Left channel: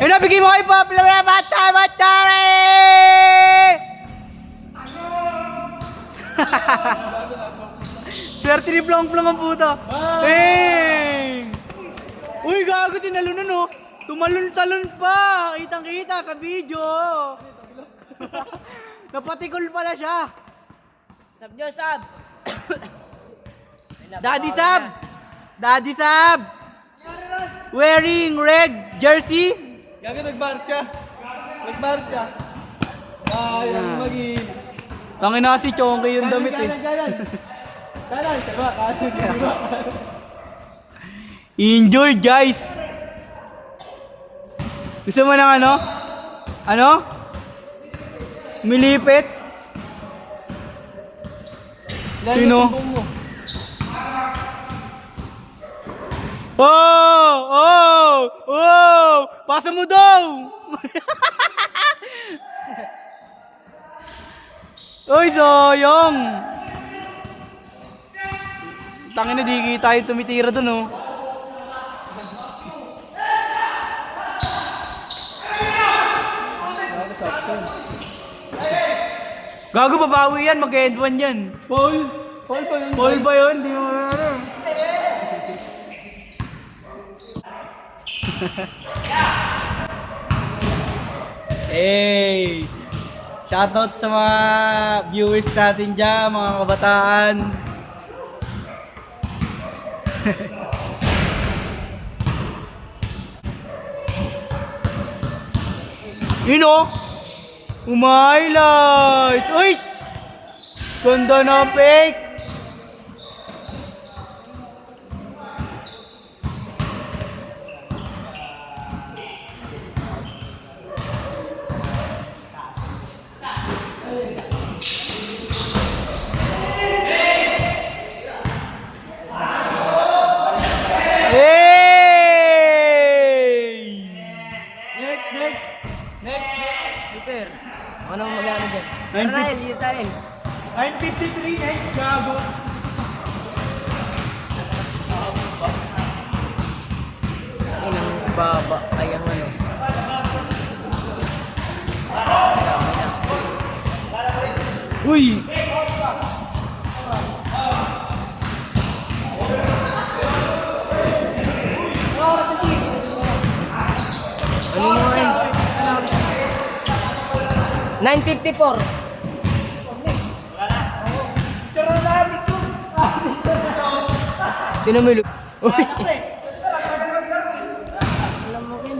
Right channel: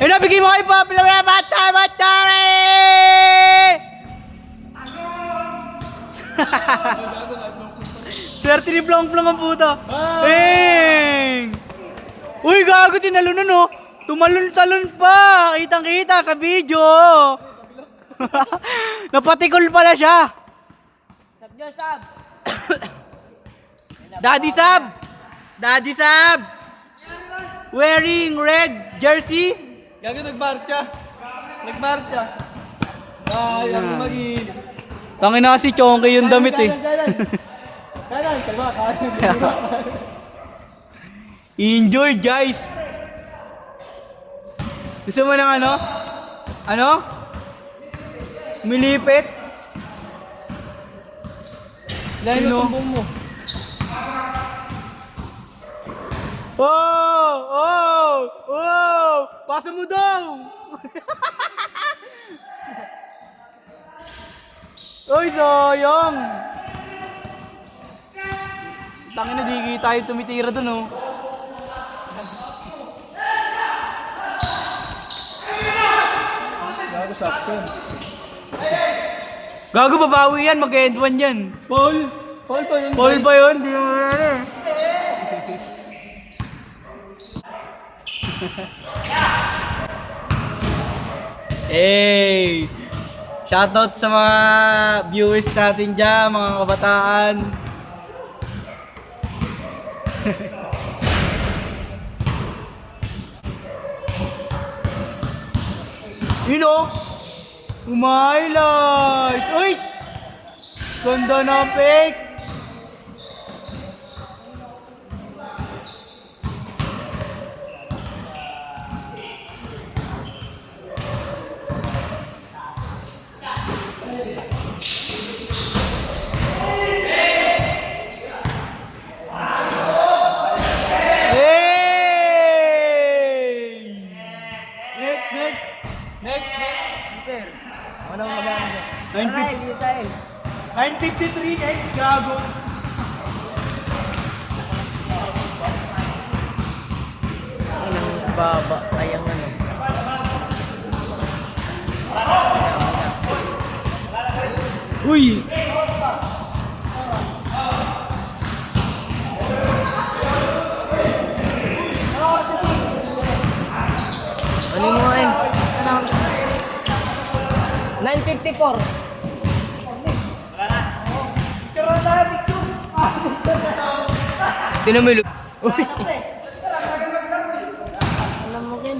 Yun na, bigay mo kayo po. Bata! Swerte ni Plong-Plong ang puta. Hey! Uy, gago, tinalunan oh. Tumalon-talon pa. Kitang-kita sa video. Napatikol pala siya. Sab nyo, sab! Daddy Sab! Wearing red jersey. Lagi nagmarcha. Ayun, lagi. Tangin na si Chonky yung damit eh. Enjoy guys. Gusto mo ng ano? Ano? Milipit? Sino? Oh! Pasa mo daw! Uy, sayang! Tangin na, di tayo tumitira dun oh. Gago, babawi yan, mag-end one yan. Paul ba yun? Paul ba yun? Di mo na eh. Hey! Shoutout sa mga viewers natin dyan, mga kabataan. Yun o! Highlights! Uy! Ganda na fake! Next. Super. Anong magana dyan? 953 next, gago. Ang inang baba ay ang ano. Uy! Ano mo eh? 954. Sino may Alam mo kin.